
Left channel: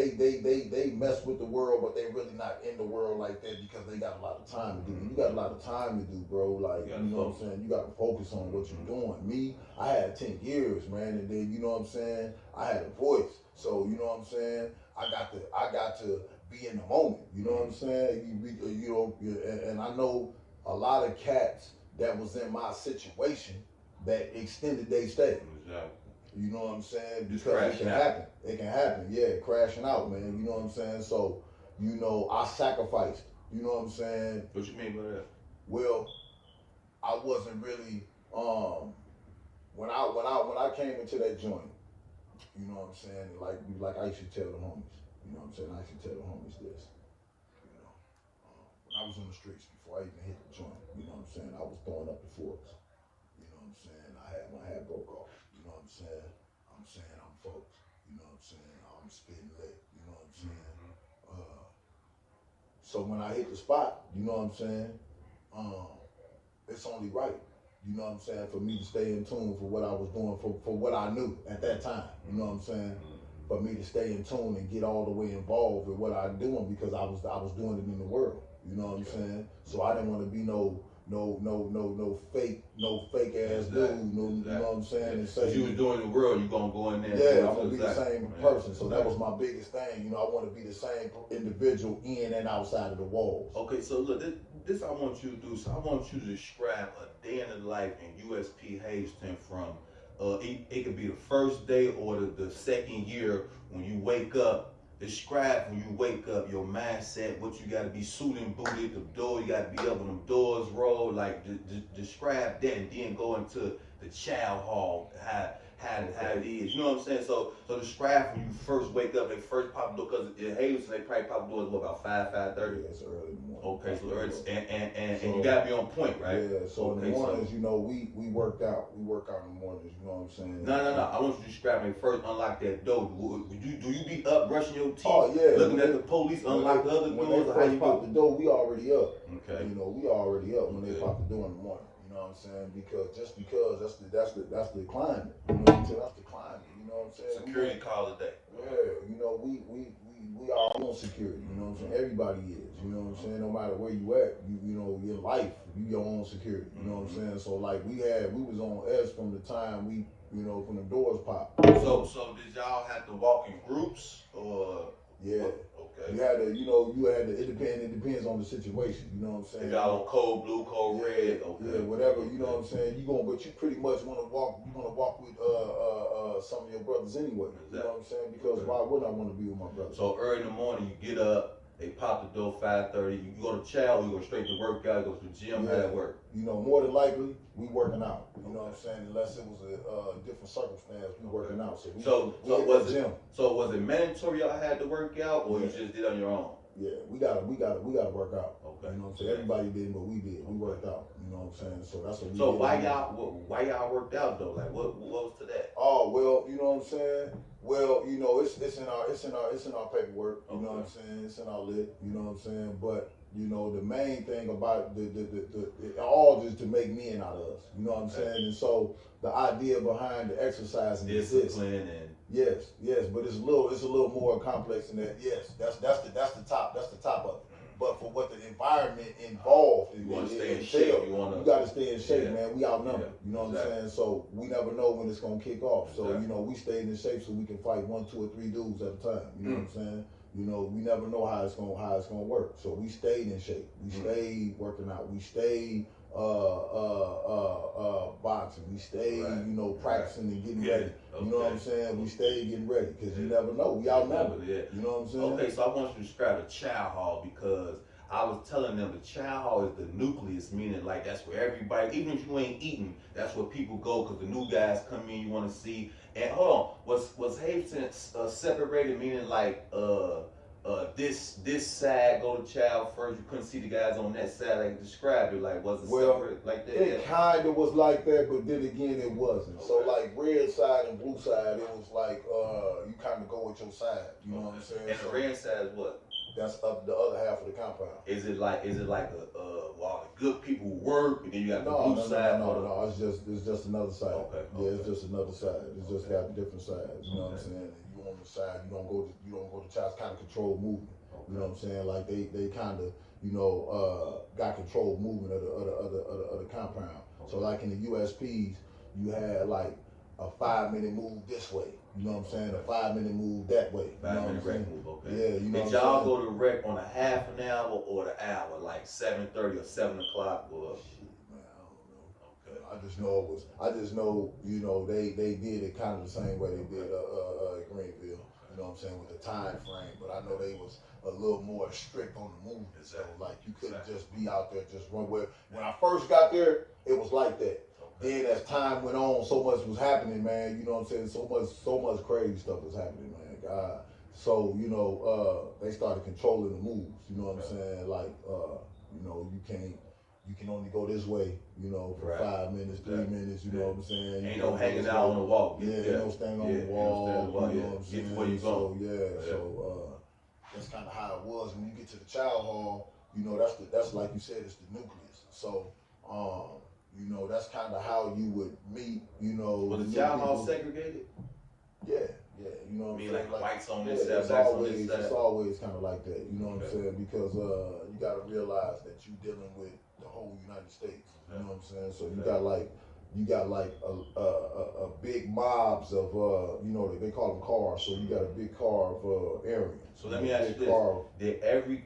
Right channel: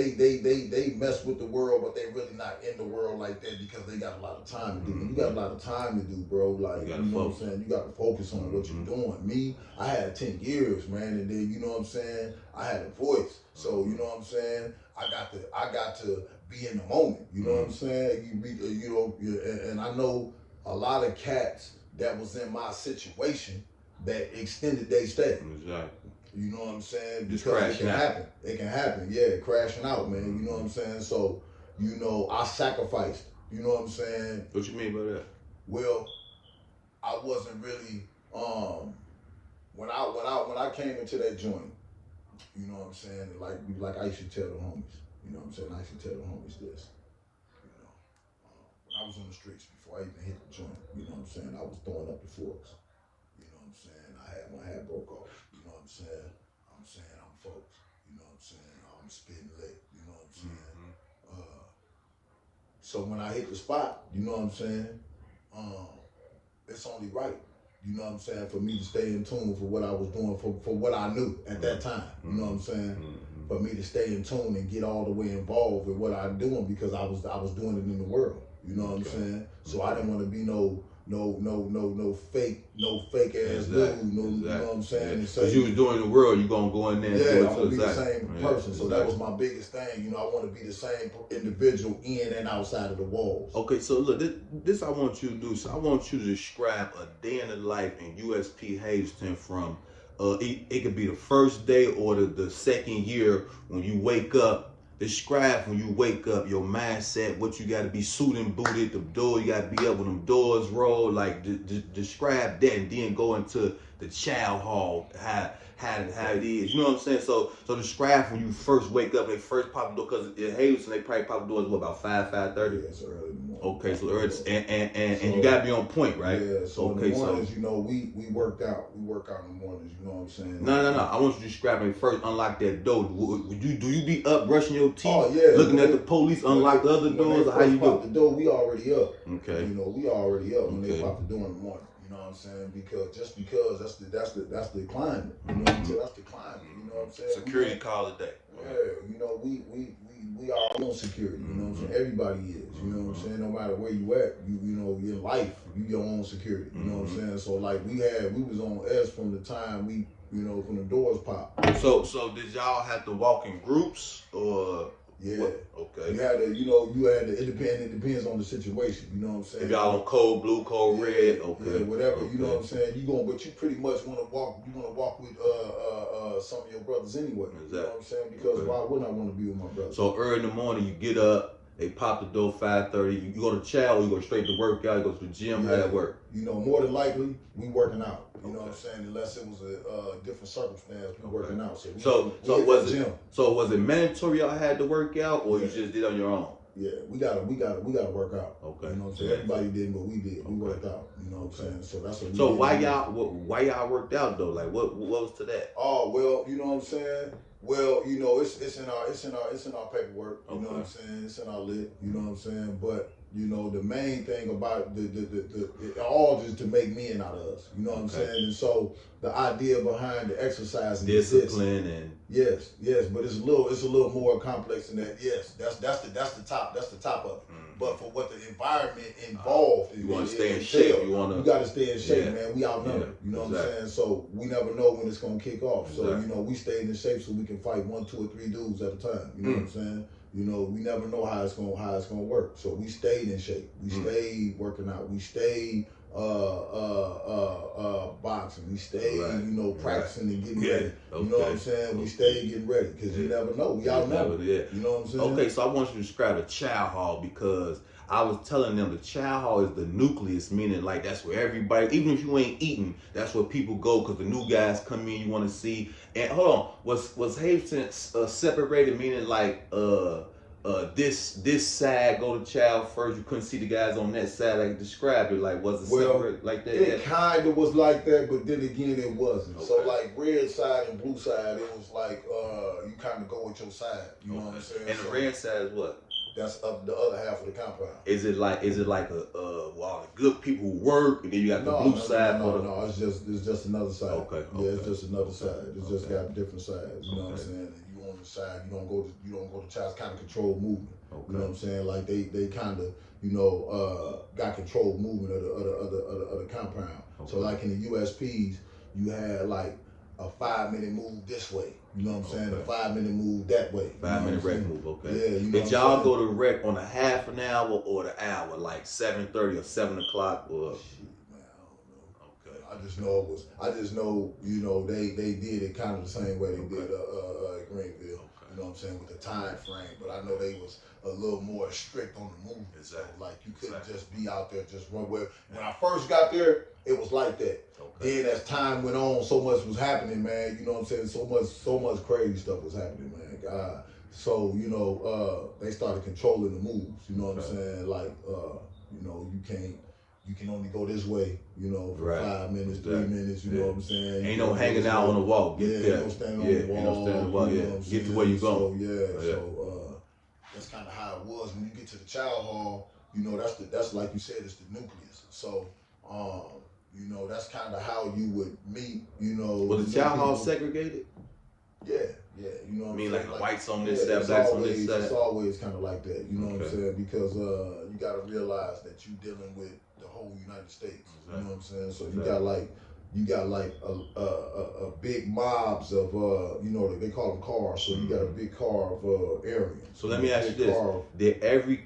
mess with the world, but they really not in the world like that because they got a lot of time to do. When you got a lot of time to do, bro, like you know what I'm saying, you got to focus on what you're doing. Me, I had 10 years, man, and then you know what I'm saying, I had a voice. So you know what I'm saying, I got to be in the moment. You know what I'm saying? And I know a lot of cats that was in my situation that extended their stay. Exactly. You know what I'm saying? Because it can happen. It can happen. Yeah, crashing out, man. You know what I'm saying? So, you know, I sacrificed. You know what I'm saying? What you mean by that? Well, I wasn't really when I came into that joint, you know what I'm saying? Like I used to tell the homies. You know what I'm saying? I used to tell the homies this. You know, when I was on the streets before I even hit the joint, you know what I'm saying? I was throwing up the forks. You know what I'm saying? My hat broke off. You know what I'm saying? I'm folks. You know what I'm saying? I'm spitting lit. You know what I'm saying? So when I hit the spot, you know what I'm saying? It's only right. You know what I'm saying? For me to stay in tune for what I was doing, for what I knew at that time. You know what I'm saying? For me to stay in tune and get all the way involved with what I'm doing because I was doing it in the world. You know what I'm saying? So I didn't want to be no fake ass dude. You know what I'm saying? Because you was doing the world, you gonna go in there. Yeah, I'm gonna be the same person. So that was my biggest thing. You know, I want to be the same individual in and outside of the walls. Okay, so look, this I want you to do. So I want you to describe a day in the life in USP Hazelton from it could be the first day or the second year when you wake up. Describe when you wake up your mindset, what you got to be suited and booted, the door, you got to be up when them doors roll, like describe that and then go into the child hall, how it is, you know what I'm saying? So describe when you first wake up and first pop the door, because in Hazelton they probably pop the doors about 5:30. Yeah, it's early in the morning. Okay, so early, and you got to be on point, right? Yeah, so in the mornings, you know, we work out in the mornings, you know what I'm saying? No, I want you to describe it first, unlock that door. Do you be up brushing your teeth, looking at the police, unlock the other doors? How you pop the door, we already up. Okay. You know, we already up when they pop the door in the morning. You know what I'm saying? Because that's the climate. You know what I'm saying? That's the climate. You know what I'm saying? Security call it that. Yeah, you know, we our own security. You know what I'm saying? Everybody is. You know what I'm saying? No matter where you at, you know, your life, you your own security. You know what I'm saying? So like we was on S from the time from the doors popped. So did y'all have to walk in groups or? Yeah. What? Okay. It depends on the situation. You know what I'm saying? If y'all on code blue, code red, okay. Yeah, whatever. Okay. You know what I'm saying? But you pretty much want to walk. You want to walk with some of your brothers anyway. Exactly. You know what I'm saying? Because why wouldn't I want to be with my brothers? So early in the morning, you get up. They pop the door 5:30. You go to chow, you go straight to workout, you go to the gym, how that work? You know, more than likely, we working out. You know what I'm saying? Unless it was a different circumstance, we working out. So was it mandatory y'all had to work out, or you just did on your own? Yeah, we gotta work out. Okay. You know what I'm saying? Everybody didn't, but we did. We worked out. You know what I'm saying? So that's what we did. So why y'all worked out though? Like what was to that? Oh well, you know what I'm saying? Well, you know, it's in our paperwork. You know what I'm saying? It's in our lit. You know what I'm saying? But you know, the main thing about it all just to make men out of us. You know what I'm saying? And so the idea behind the exercise and discipline and yes, but it's a little more complex than that. Yes, that's the top of it. but for what the environment involved, you want to stay in shape. You got to stay in shape, yeah. man. We outnumbered. Yeah. You know Exactly. what I'm saying? So we never know when it's gonna kick off. Exactly. So you know, we stayed in shape so we can fight 1, 2, or 3 dudes at a time. You know what I'm saying? You know, we never know how it's gonna work. So we stayed in shape. We stayed working out. We stayed boxing. We stayed, you know, practicing and getting ready. You know what I'm saying? We stayed getting ready because you never know. We outnumbered. You know what I'm saying? Okay, so I want you to describe the chow hall because I was telling them the chow hall is the nucleus, meaning like that's where everybody, even if you ain't eating, that's where people go because the new guys come in, you want to see. And hold on, was Hazelton separated, meaning like this side go to chow first? You couldn't see the guys on that side, like describe it. Like was it separate like that? It kind of was like that, but then again, it wasn't. Okay. So like red side and blue side, it was like you kind of go with your side. You know what I'm saying? And the red side is what? That's up the other half of the compound. Is it like well, the good people who work and then you got the blue side? No, it's just another side. Okay. Yeah, it's just another side. It's just got different sides. You know what I'm saying? And you on the side, you don't go to child's kind of controlled movement. Okay. You know what I'm saying? Like they kind of, you know, got controlled movement of the compound. Okay. So like in the USPs, you had like a 5-minute move this way. You know what I'm saying? A 5-minute move that way. 5-minute rec move, okay. Yeah, you know. Did y'all go to rec on a half an hour or the hour, like 7:30 or 7 o'clock or? Shit, man, I don't know. Okay. I just know, you know, they did it kind of the same way they did at Greenville. You know what I'm saying, with the time frame. But I know they was a little more strict on the movement. So like you couldn't just be out there just run where. When I first got there, it was like that. Then as time went on, so much was happening, man. You know what I'm saying? So much crazy stuff was happening, man. God. So, you know, they started controlling the moves. You know what I'm saying? Like, you know, you can only go this way, you know, for 5 minutes, 3 minutes, you know what I'm saying? Ain't no hanging out on the wall. Ain't no standing on the wall. You know what I'm Get to where you going. So that's kind of how it was. When you get to the child hall, you know, that's like you said, it's the nucleus. So, you know, that's kind of how you would meet, you know. Was the child hall segregated? Yeah, you know what I mean, like whites on this side, blacks on this side? It's always kind of like that, you know what I'm saying? Because you got to realize that you're dealing with the whole United States, you know what I'm saying? So you got like a big mobs of, you know, they call them cars. So you got a big car of Aryans. So let me ask you this. Did every